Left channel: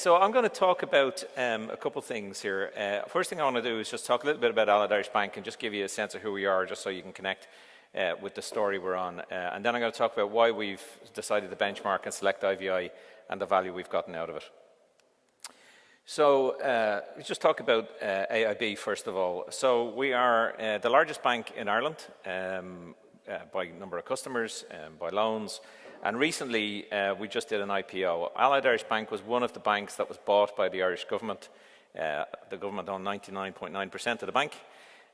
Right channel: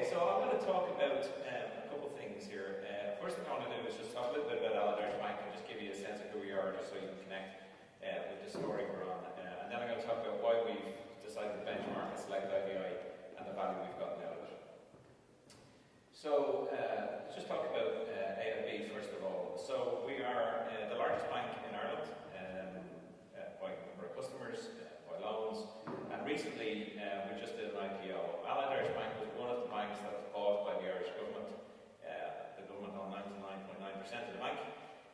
so I'm going to talk about a couple things here. First thing I want to do is just talk a little bit about Allied Irish Bank and just give you a sense of who we are, just so you can connect with the story we're on. And then I'm going to talk about why we've decided to benchmark and select IVI and the value we've gotten out of it. So let's just talk about AIB first of all. So we are the largest bank in Ireland by number of customers, by loans, and recently we just did an IPO. Allied Irish Bank was one of the banks that was bought by the Irish government. The government owned 99.9% of the bank,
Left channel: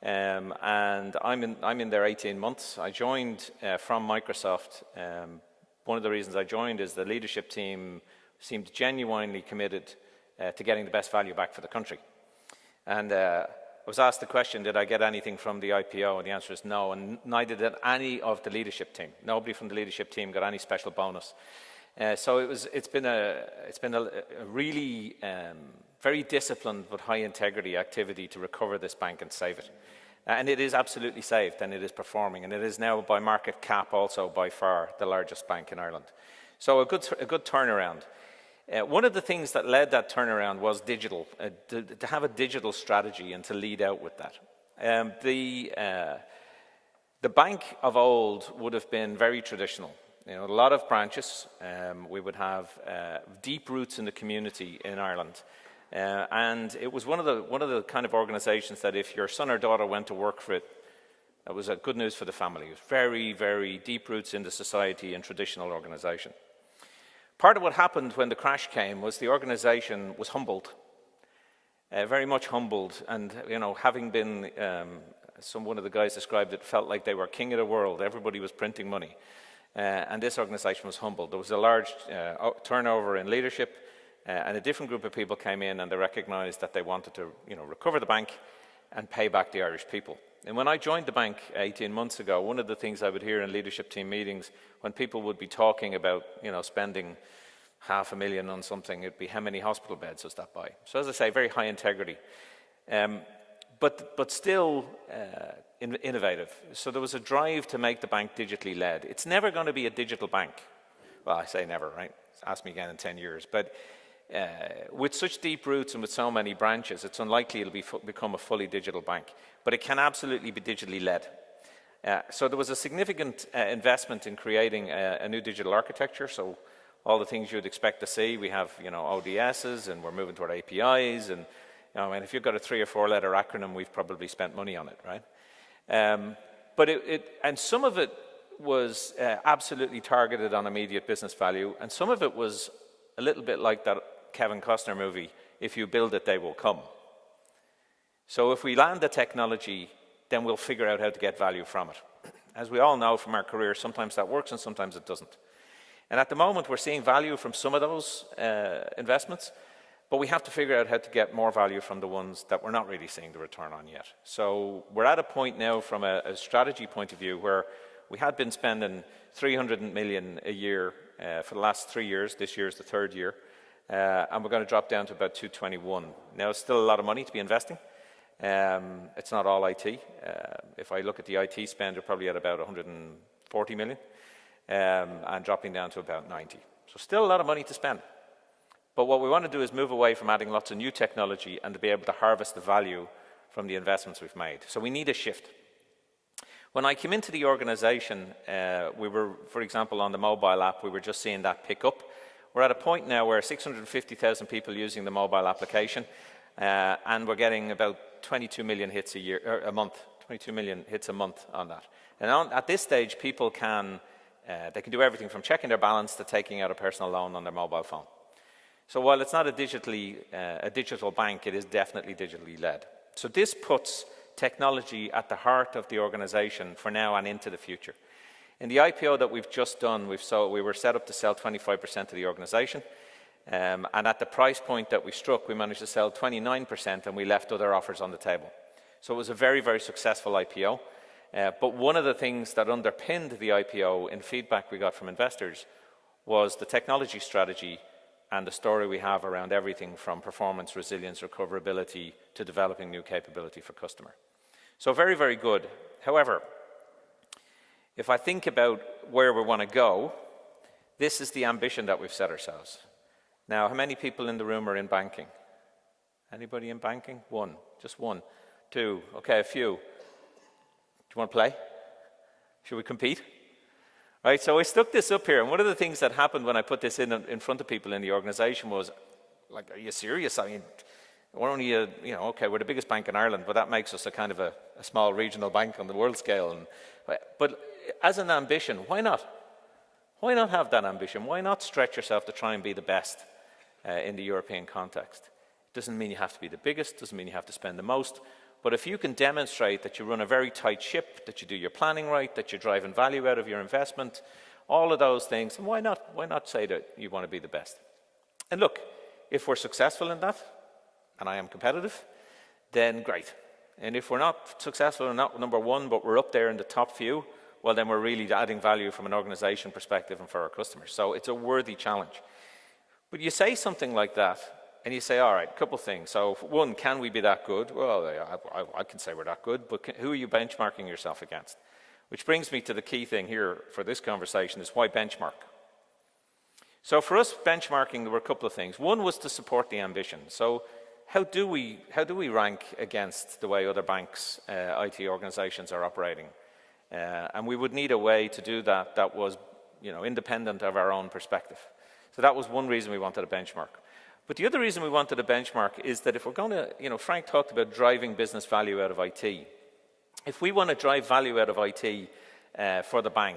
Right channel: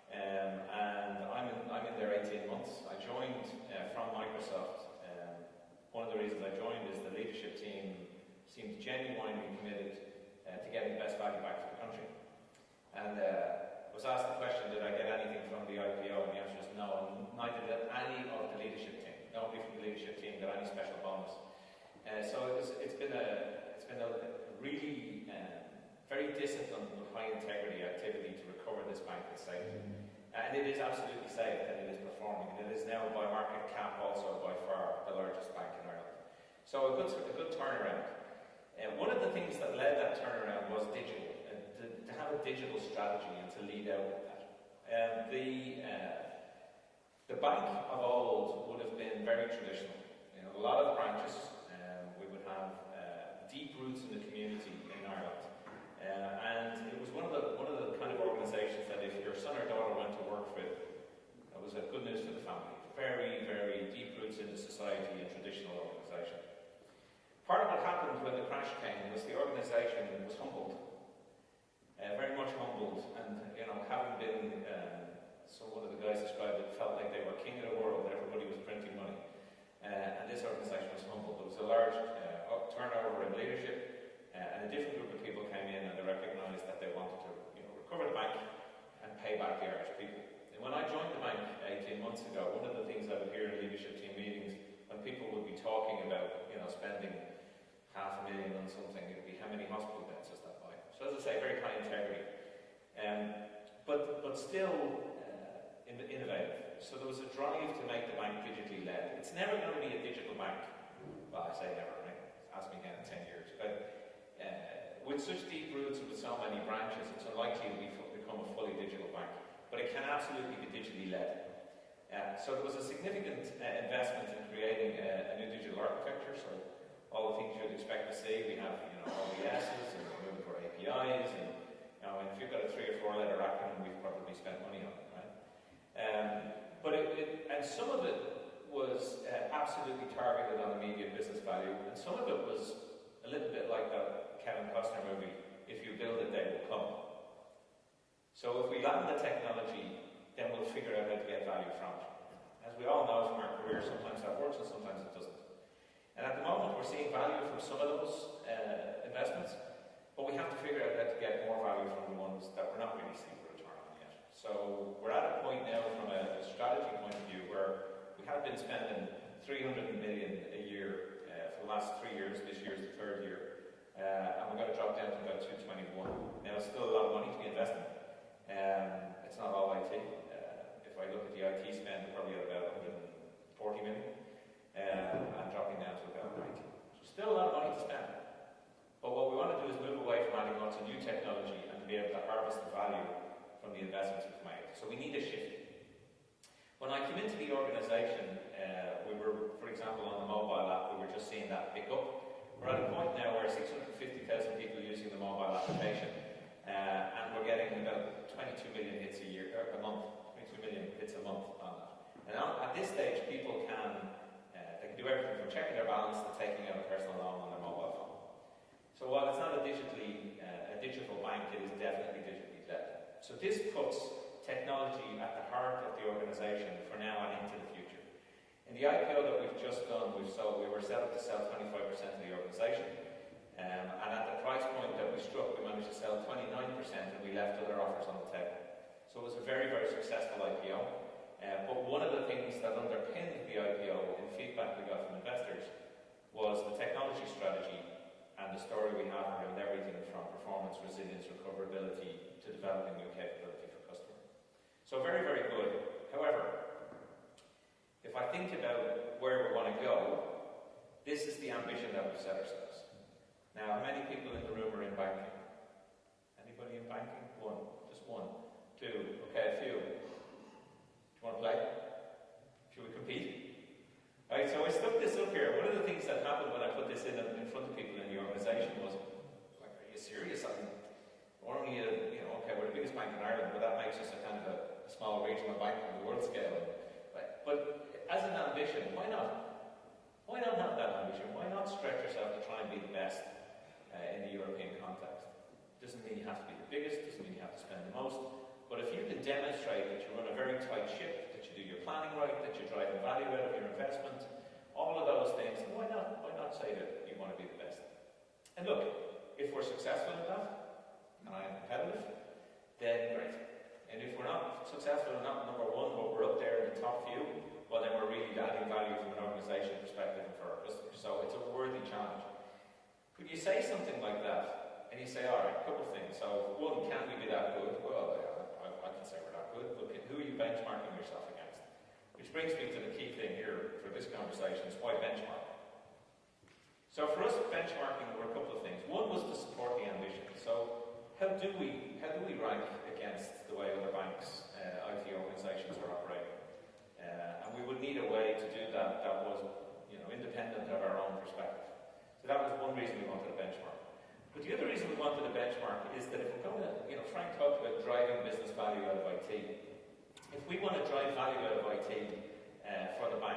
and I'm in there 18 months. I joined from Microsoft. One of the reasons I joined is the leadership team seemed genuinely committed to getting the best value back for the country. And I was asked the question, did I get anything from the IPO? And the answer is no, and neither did any of the leadership team. Nobody from the leadership team got any special bonus. So it's been a really very disciplined but high integrity activity to recover this bank and save it. And it is absolutely saved, and it is performing, and it is now by market cap also by far the largest bank in Ireland. So a good turnaround. One of the things that led that turnaround was digital, to have a digital strategy and to lead out with that. The bank of old would have been very traditional. You know, a lot of branches. We would have deep roots in the community in Ireland, and it was one of the kind of organisations that if your son or daughter went to work for it, that was good news for the family. It was very, very deep roots in the society and traditional organisation. Part of what happened when the crash came was the organisation was humbled, very much humbled, and you know, having been, one of the guys described it, felt like they were king of the world. Everybody was printing money, and this organisation was humbled. There was a large turnover in leadership, and a different group of people came in, and they recognised that they wanted to, you know, recover the bank and pay back the Irish people. And when I joined the bank 18 months ago, one of the things I would hear in leadership team meetings when people would be talking about, you know, spending $500,000 on something, it'd be how many hospital beds does that buy? So as I say, very high integrity, but still innovative. So there was a drive to make the bank digitally led. It's never going to be a digital bank. Well, I say never, right? Ask me again in 10 years. But with such deep roots and with so many branches, it's unlikely it'll become a fully digital bank. But it can absolutely be digitally led. So there was a significant investment in creating a new digital architecture. So all the things you'd expect to see, we have, you know, ODSs, and we're moving toward APIs, and you know, I mean, if you've got a 3 or 4 letter acronym, we've probably spent money on it, right? But and some of it was absolutely targeted on immediate business value, and some of it was a little bit like that Kevin Costner movie, if you build it, they will come. So if we land the technology, then we'll figure out how to get value from it. As we all know from our careers, sometimes that works and sometimes it doesn't. And at the moment, we're seeing value from some of those investments, but we have to figure out how to get more value from the ones that we're not really seeing the return on yet. So we're at a point now from a strategy point of view where we had been spending 300 million a year for the last 3 years. This year is the 3rd year. And we're going to drop down to about 221. Now, it's still a lot of money to be investing. It's not all IT. If I look at the IT spend, we're probably at about 140 million and dropping down to about 90. So still a lot of money to spend. But what we want to do is move away from adding lots of new technology and to be able to harvest the value from the investments we've made. So we need a shift. When I came into the organization, we were, for example, on the mobile app, we were just seeing that pick up. We're at a point now where 650,000 people using the mobile application, and we're getting about 22 million hits a month, 22 million hits a month on that. And at this stage, people can do everything from checking their balance to taking out a personal loan on their mobile phone. So while it's not a digital bank, it is definitely digitally led. So this puts technology at the heart of the organization for now and into the future. In the IPO that we've just done, we were set up to sell 25% of the organization. And at the price point that we struck, we managed to sell 29%, and we left other offers on the table. So it was a very, very successful IPO. But one of the things that underpinned the IPO in feedback we got from investors was the technology strategy and the story we have around everything from performance, resilience, recoverability to developing new capability for customer. So very, very good. However, if I think about where we want to go, this is the ambition that we've set ourselves. Now, how many people in the room are in banking? Anybody in banking? One, just one, two, okay, a few. Do you want to play? Should we compete? Right, so I stuck this up here, and one of the things that happened when I put this in front of people in the organization was, like, are you serious? I mean, we're only okay, we're the biggest bank in Ireland, but that makes us a kind of a small regional bank on the world scale. But as an ambition, why not? Why not have that ambition? Why not stretch yourself to try and be the best in the European context? Doesn't mean you have to be the biggest, doesn't mean you have to spend the most, but if you can demonstrate that you run a very tight ship, that you do your planning right, that you're driving value out of your investment, all of those things, why not say that you want to be the best? And look, if we're successful in that, and I am competitive, then great. And if we're not successful and not number one, but we're up there in the top few, well, then we're really adding value from an organization perspective and for our customers. So it's a worthy challenge. But you say something like that, and you say, all right, a couple of things. So one, can we be that good? Well, I can say we're that good, but who are you benchmarking yourself against? Which brings me to the key thing here for this conversation is why benchmark? So for us, benchmarking, there were a couple of things. One was to support the ambition. So how do we rank against the way other banks, IT organizations are operating? And we would need a way to do that that was, independent of our own perspective. So that was one reason we wanted a benchmark. But the other reason we wanted a benchmark is that if we're going to, Frank talked about driving business value out of IT. If we want to drive value out of IT for the bank,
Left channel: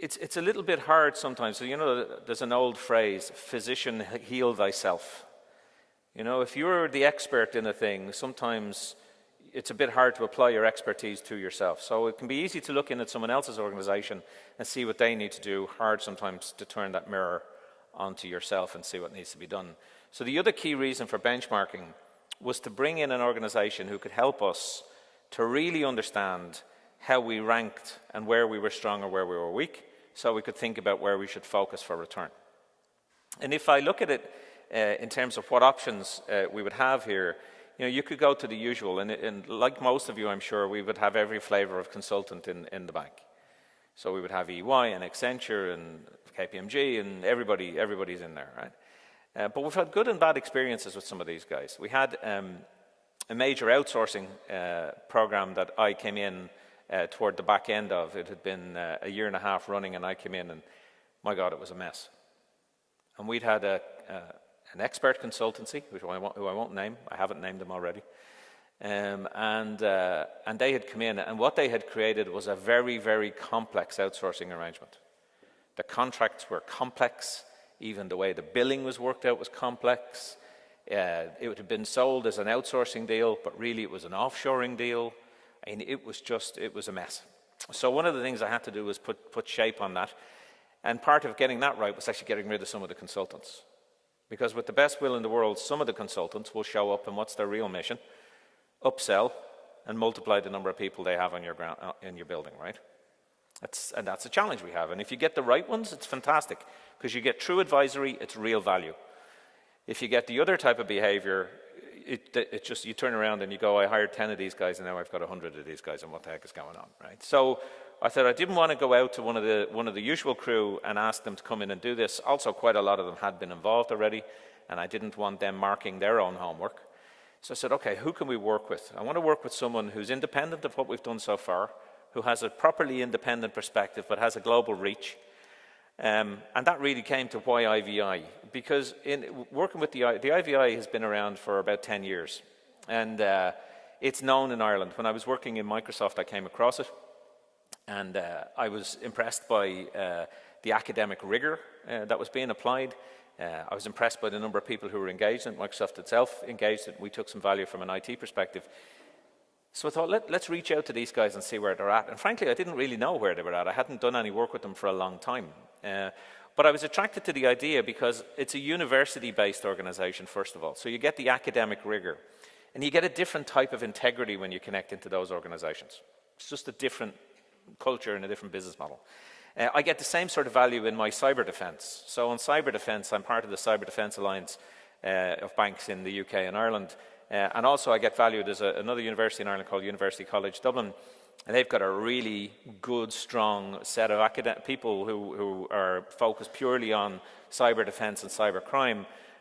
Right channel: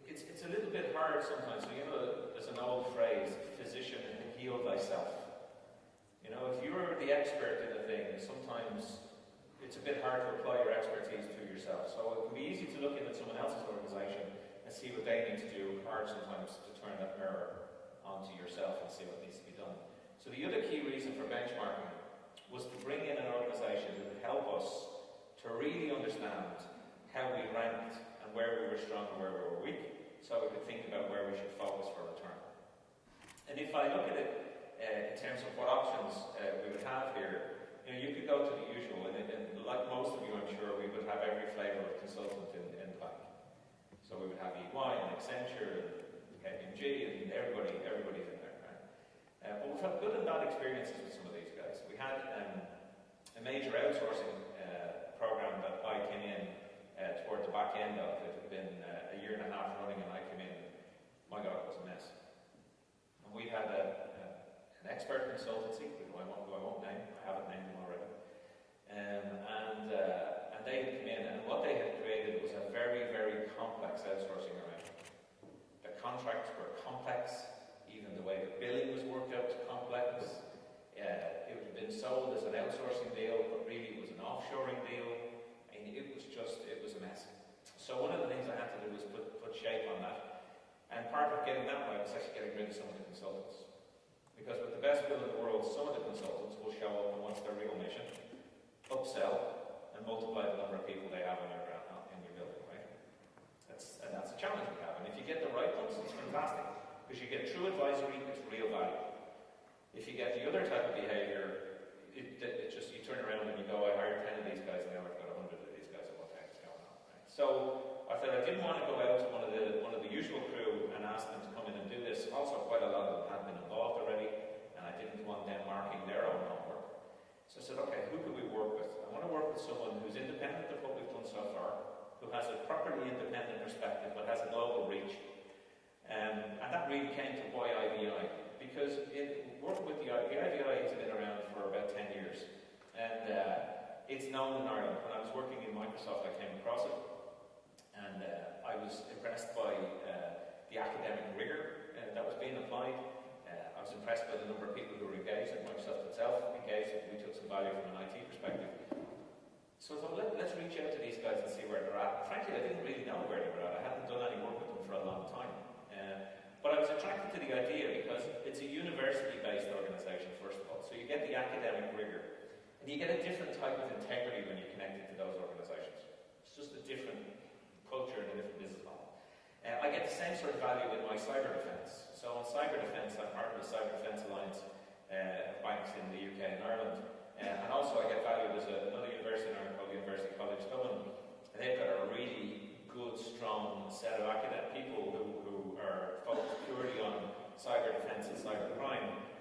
it's a little bit hard sometimes. So, there's an old phrase, physician, heal thyself. If you're the expert in a thing, sometimes it's a bit hard to apply your expertise to yourself. So it can be easy to look in at someone else's organization and see what they need to do, hard sometimes to turn that mirror onto yourself and see what needs to be done. So the other key reason for benchmarking was to bring in an organization who could help us to really understand how we ranked and where we were strong or where we were weak, so we could think about where we should focus for return. And if I look at it in terms of what options we would have here, you could go to the usual, and like most of you, I'm sure, we would have every flavor of consultant in the bank. So we would have EY and Accenture and KPMG, and everybody's in there, right? But we've had good and bad experiences with some of these guys. We had a major outsourcing program that I came in toward the back end of. It had been a year and a half running, and I came in, and my God, it was a mess. And we'd had an expert consultancy, who I won't name. I haven't named them already. And they had come in, and what they had created was a very, very complex outsourcing arrangement. The contracts were complex. Even the way the billing was worked out was complex. It had been sold as an outsourcing deal, but really it was an offshoring deal. I mean, it was a mess. So one of the things I had to do was put shape on that. And part of getting that right was actually getting rid of some of the consultants. Because with the best will in the world, some of the consultants will show up, and what's their real mission? Upsell and multiply the number of people they have on in your building, right? That's a challenge we have. And if you get the right ones, it's fantastic, because you get true advisory, it's real value. If you get the other type of behavior, it just, you turn around and you go, I hired 10 of these guys and now I've got 100 of these guys, and what the heck is going on, right? So I thought I didn't want to go out to one of the usual crew and ask them to come in and do this. Also, quite a lot of them had been involved already, and I didn't want them marking their own homework. So I said, okay, who can we work with? I want to work with someone who's independent of what we've done so far, who has a properly independent perspective but has a global reach. And that really came to why IVI, because in working with the IVI has been around for about 10 years, and it's known in Ireland. When I was working in Microsoft, I came across it, and I was impressed by the academic rigor that was being applied. I was impressed by the number of people who were engaged, and Microsoft itself engaged, and we took some value from an IT perspective. So I thought, let's reach out to these guys and see where they're at. And frankly, I didn't really know where they were at. I hadn't done any work with them for a long time. But I was attracted to the idea because it's a university-based organization, first of all. So you get the academic rigor, and you get a different type of integrity when you connect into those organizations. It's just a different culture and a different business model. I get the same sort of value in my cyber defense. So on cyber defense, I'm part of the Cyber Defense Alliance of banks in the UK and Ireland. And also I get value, there's another university in Ireland called University College Dublin, And they've got a really good, strong set of people who are focused purely on cyber defense and cyber crime.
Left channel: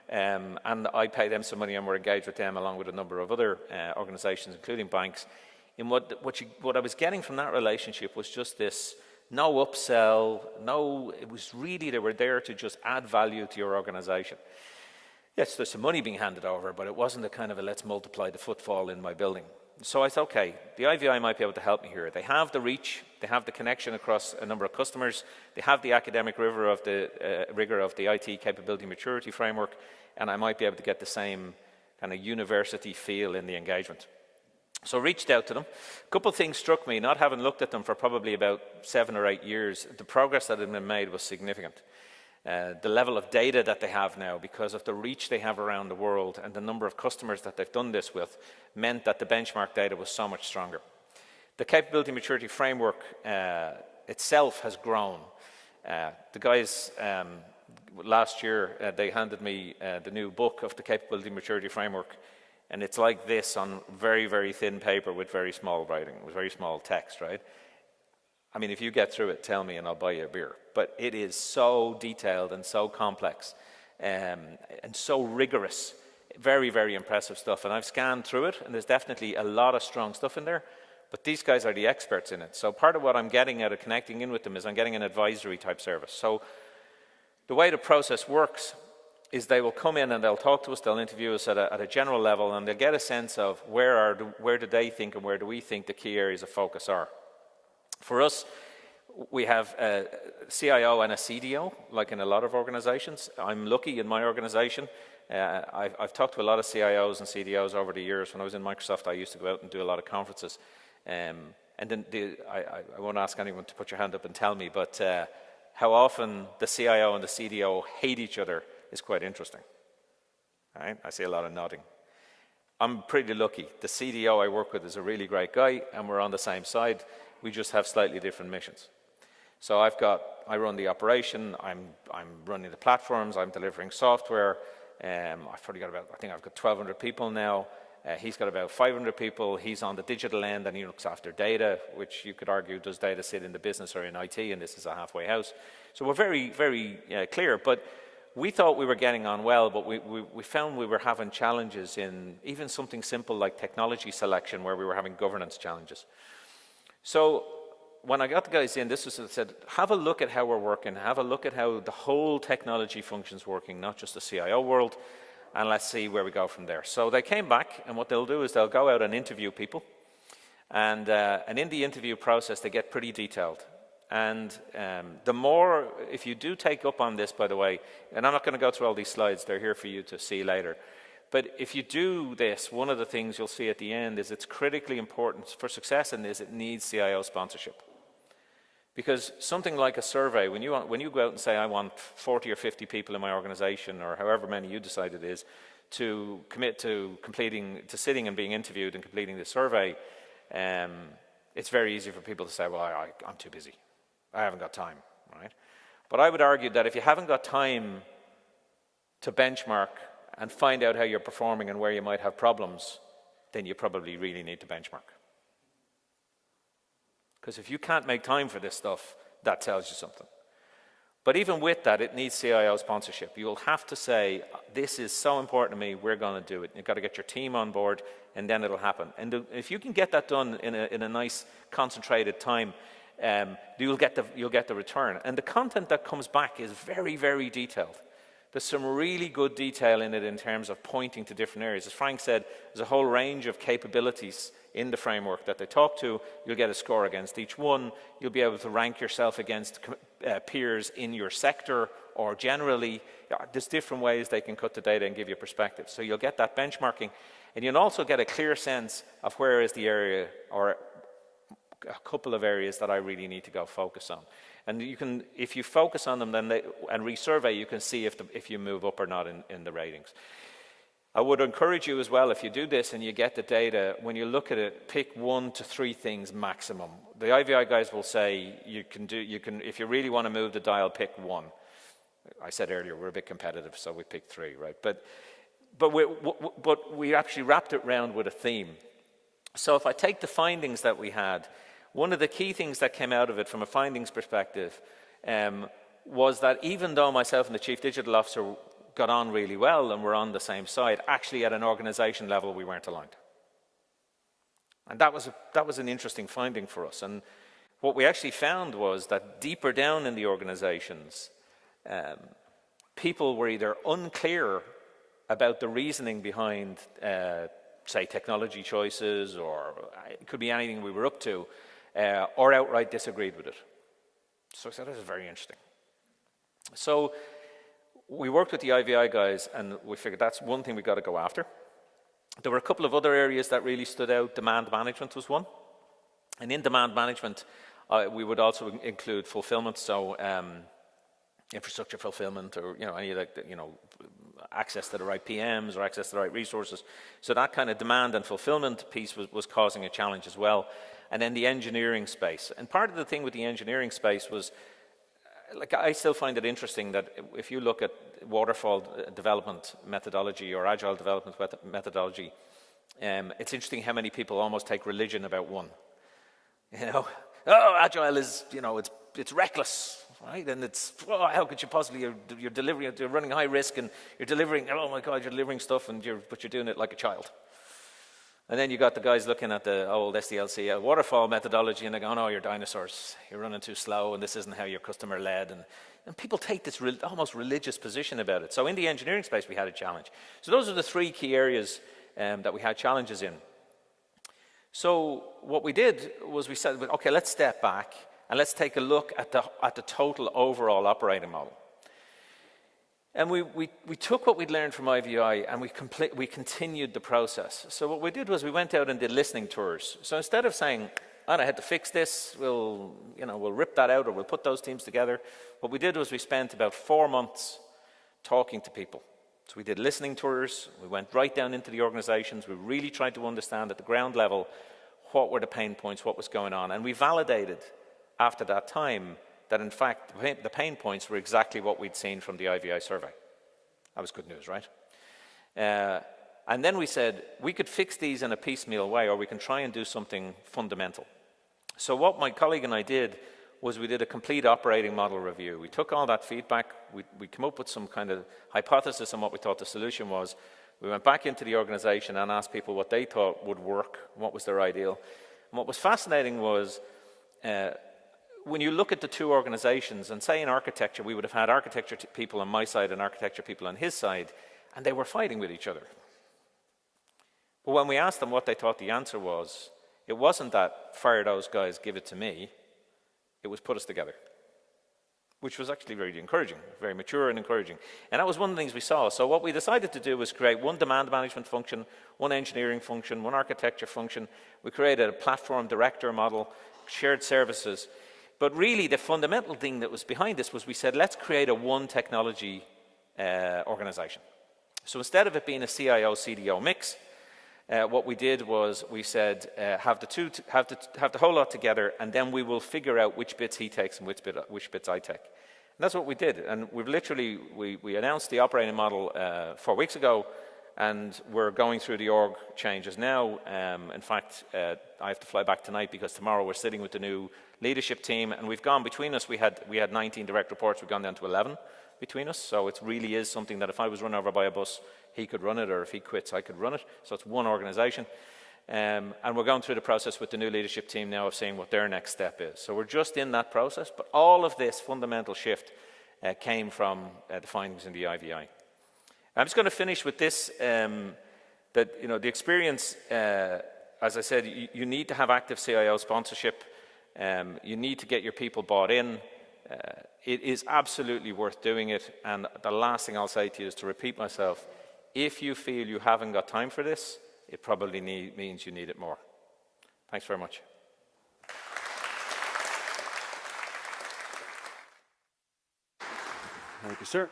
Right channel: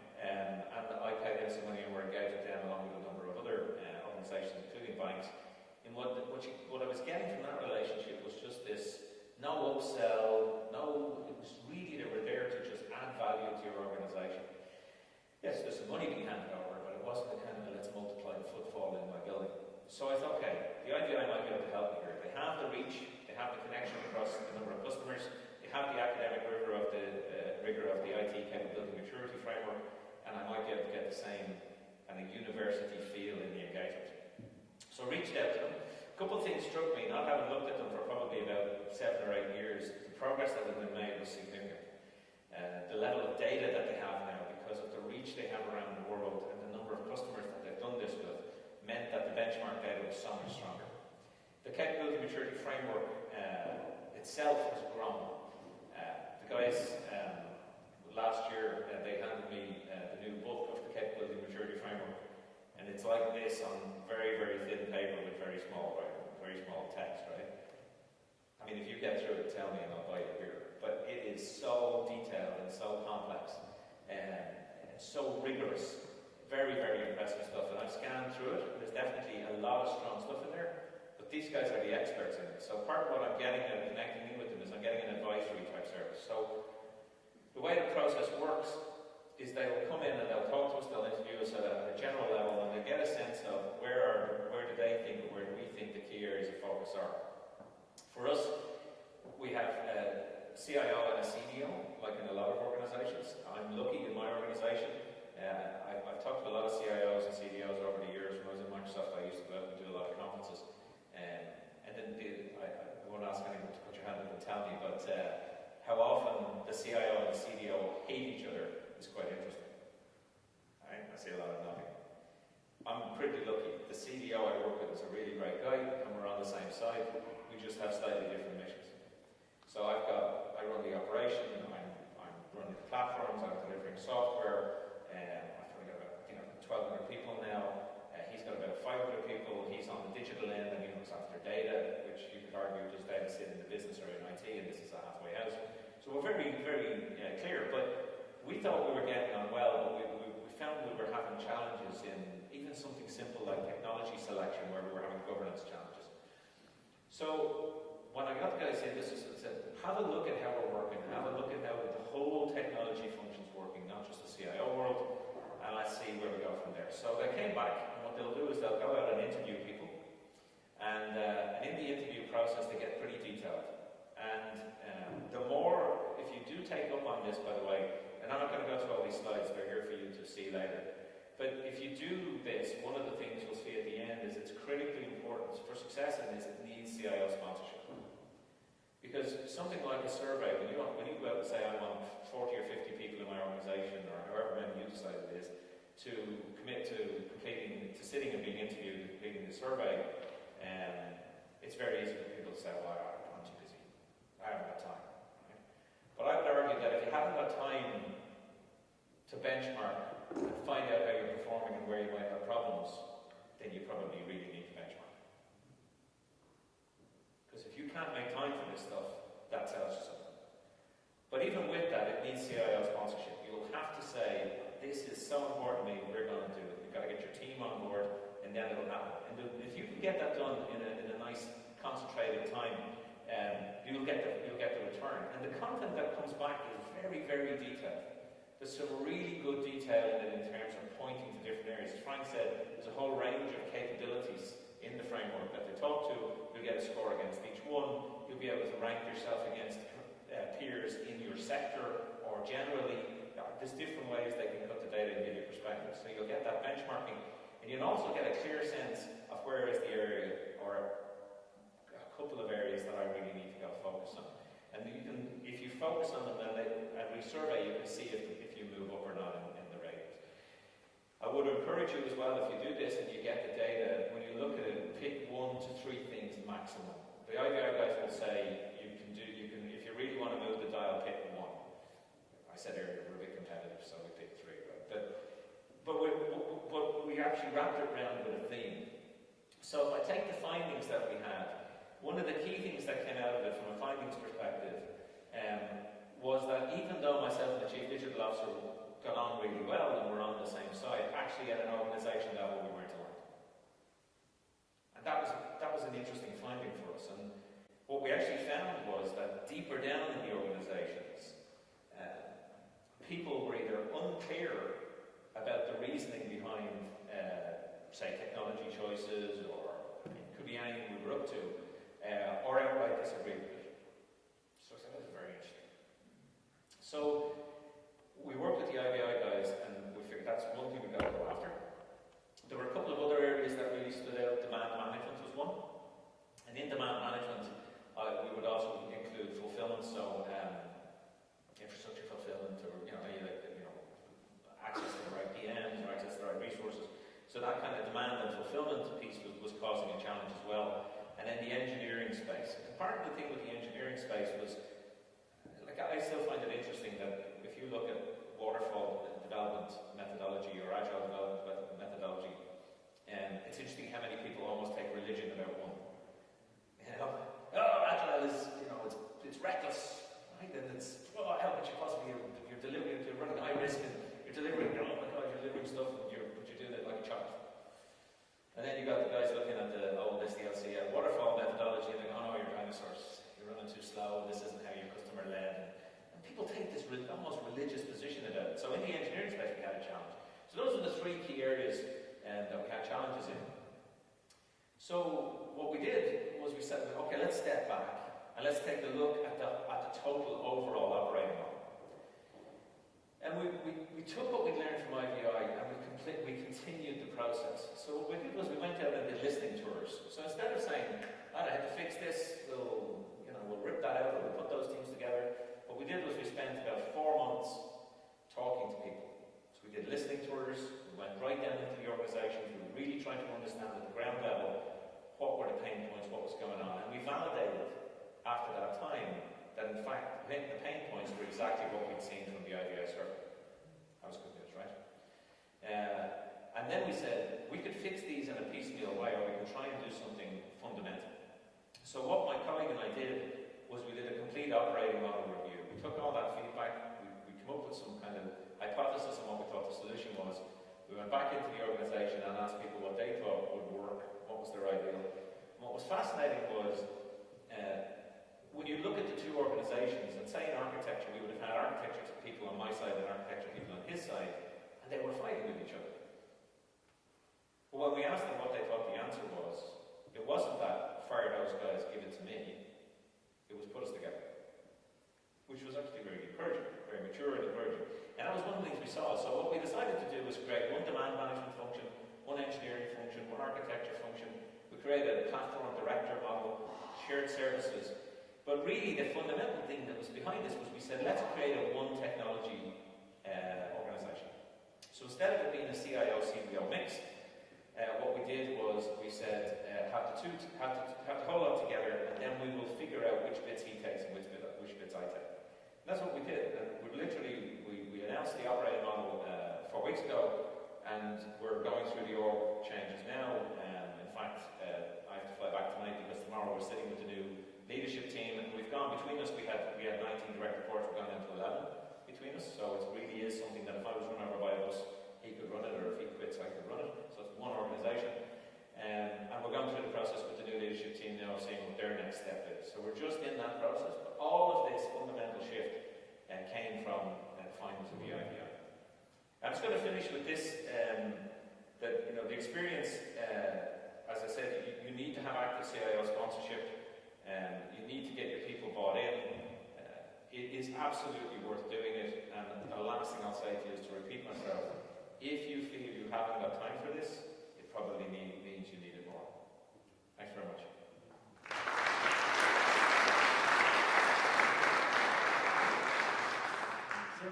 And I pay them some money, and we're engaged with them along with a number of other organizations, including banks. And what I was getting from that relationship was just this no upsell, it was really, they were there to just add value to your organization. Yes, there's some money being handed over, but it wasn't a kind of a let's multiply the footfall in my building. So I thought, okay, the IVI might be able to help me here. They have the reach, they have the connection across a number of customers, they have the academic rigor of the IT capability maturity framework, and I might be able to get the same kind of university feel in the engagement. So I reached out to them. A couple of things struck me, not having looked at them for probably about 7 or 8 years. The progress that had been made was significant. The level of data that they have now, because of the reach they have around the world and the number of customers that they've done this with, meant that the benchmark data was so much stronger. The capability maturity framework itself has grown. The guys last year, they handed me the new book of the capability maturity framework, and it's like this on very, very thin paper with very small writing, with very small text, right? I mean, if you get through it, tell me and I'll buy you a beer. But it is so detailed and so complex and so rigorous. Very, very impressive stuff. And I've scanned through it, and there's definitely a lot of strong stuff in there. But these guys are the experts in it. So part of what I'm getting out of connecting in with them is I'm getting an advisory type service. So the way the process works is they will come in and they'll talk to us, they'll interview us at a general level, and they'll get a sense of where do they think and where do we think the key areas of focus are. For us, we have a CIO and a CDO, like in a lot of organizations. I'm lucky in my organization. I've talked to a lot of CIOs and CDOs over the years. When I was in Microsoft, I used to go out and do a lot of conferences. And then I won't ask anyone to put your hand up and tell me, but how often the CIO and the CDO hate each other is quite interesting. Right? I see a lot of nodding. I'm pretty lucky. The CDO I work with is a really great guy, and we're on the same side. We just have slightly different missions. So I run the operation, I'm running the platforms, I'm delivering software. I've probably got I think I've got 1,200 people now. He's got about 500 people. He's on the digital end and he looks after data, which you could argue, does data sit in the business or in IT, and this is a halfway house. So we're very, very clear. But we thought we were getting on well, but we found we were having challenges in even something simple like technology selection, where we were having governance challenges. So when I got the guys in, this was said, have a look at how we're working, have a look at how the whole technology function's working, not just the CIO world, and let's see where we go from there. So they came back, and what they'll do is they'll go out and interview people, and in the interview process they get pretty detailed. And the more, if you do take up on this, by the way, and I'm not going to go through all these slides, they're here for you to see later. But if you do this, one of the things you'll see at the end is it's critically important for success in this, it needs CIO sponsorship. Because something like a survey, when you go out and say, I want 40 or 50 people in my organization, or however many you decide it is, to commit to sitting and being interviewed and completing the survey, it's very easy for people to say, well, I'm too busy. I haven't got time, right? But I would argue that if you haven't got time to benchmark and find out how you're performing and where you might have problems, then you probably really need to benchmark. Because if you can't make time for this stuff, that tells you something. But even with that, it needs CIO sponsorship. You will have to say, this is so important to me, we're going to do it. You've got to get your team on board, and then it'll happen. And if you can get that done in a nice, concentrated time, you'll get the return. And the content that comes back is very, very detailed. There's some really good detail in it in terms of pointing to different areas. As Frank said, there's a whole range of capabilities in the framework that they talk to. You'll get a score against each one. You'll be able to rank yourself against peers in your sector or generally. There's different ways they can cut the data and give you perspective. So you'll get that benchmarking, and you'll also get a clear sense of where is the area or a couple of areas that I really need to go focus on. And you can, if you focus on them and resurvey, you can see if you move up or not in the ratings. I would encourage you as well, if you do this and you get the data, when you look at it, pick 1 to 3 things maximum. The IVI guys will say you can if you really want to move the dial, pick 1. I said earlier we're a bit competitive, so we picked 3, right? But we actually wrapped it round with a theme. So if I take the findings that we had, one of the key things that came out of it from a findings perspective was that even though myself and the Chief Digital Officer got on really well and were on the same side, actually at an organisation level we weren't aligned. And that was an interesting finding for us. And what we actually found was that deeper down in the organisations, people were either unclear about the reasoning behind, say, technology choices, or it could be anything we were up to, or outright disagreed with it. So I said, this is very interesting. So we worked with the IVI guys, and we figured that's one thing we've got to go after. There were a couple of other areas that really stood out. Demand management was one. And in demand management, we would also include fulfillment, so infrastructure fulfillment, or any like access to the right PMs or access to the right resources. So that kind of demand and fulfillment piece was causing a challenge as well. And then the engineering space. And part of the thing with the engineering space was, like, I still find it interesting that if you look at waterfall development methodology or agile development methodology, it's interesting how many people almost take religion about one. Agile is, it's reckless. Right? And it's, how could you possibly, you're delivering, you're running high risk, and you're delivering, oh my God, you're delivering stuff, but you're doing it like a child. And then you got the guys looking at the old SDLC waterfall methodology, and they go, oh no, you're dinosaurs, you're running too slow, and this isn't how you're customer led. And people take this almost religious position about it. So in the engineering space, we had a challenge. So those are the three key areas that we had challenges in. So what we did was we said, okay, let's step back, and let's take a look at the total overall operating model. And we took what we'd learned from IVI, and we continued the process. So what we did was we went out and did listening tours. So instead of saying, I had to fix this, we'll rip that out, or we'll put those teams together, what we did was we spent about 4 months talking to people. So we did listening tours, we went right down into the organizations, we really tried to understand at the ground level what were the pain points, what was going on, and we validated after that time that in fact the pain points were exactly what we'd seen from the IVI survey. That was good news, right? And then we said we could fix these in a piecemeal way, or we can try and do something fundamental. So what my colleague and I did was we did a complete operating model review. We took all that feedback, we came up with some kind of hypothesis on what we thought the solution was. We went back into the organization and asked people what they thought would work, what was their ideal. And what was fascinating was when you look at the two organizations, and say in architecture, we would have had architecture people on my side and architecture people on his side, and they were fighting with each other. But when we asked them what they thought the answer was, it wasn't that fire those guys, give it to me, it was put us together, which was actually very encouraging, very mature and encouraging. And that was one of the things we saw. So what we decided to do was create one demand management function, one engineering function, one architecture function. We created a platform director model, shared services. But really the fundamental thing that was behind this was we said, let's create a one technology organization. So instead of it being a CIO-CDO mix, what we did was we said, have the whole lot together, and then we will figure out which bits he takes and which bits I take. And that's what we did. And we've literally, we announced the operating model 4 weeks ago, and we're going through the org changes now. In fact, I have to fly back tonight because tomorrow we're sitting with the new leadership team, and we've gone between us, we had 19 direct reports, we've gone down to 11 between us. So it really is something that if I was run over by a bus, he could run it, or if he quits, I could run it. So it's one organization. And we're going through the process with the new leadership team now of seeing what their next step is. So we're just in that process, but all of this fundamental shift came from the findings in the IVI. I'm just going to finish with this, that the experience, as I said, you need to have active CIO sponsorship. You need to get your people bought in. It is absolutely worth doing it. And the last thing I'll say to you is to repeat myself. If you feel you haven't got time for this, it probably means you need it more. Thanks very much. Thank you, sir.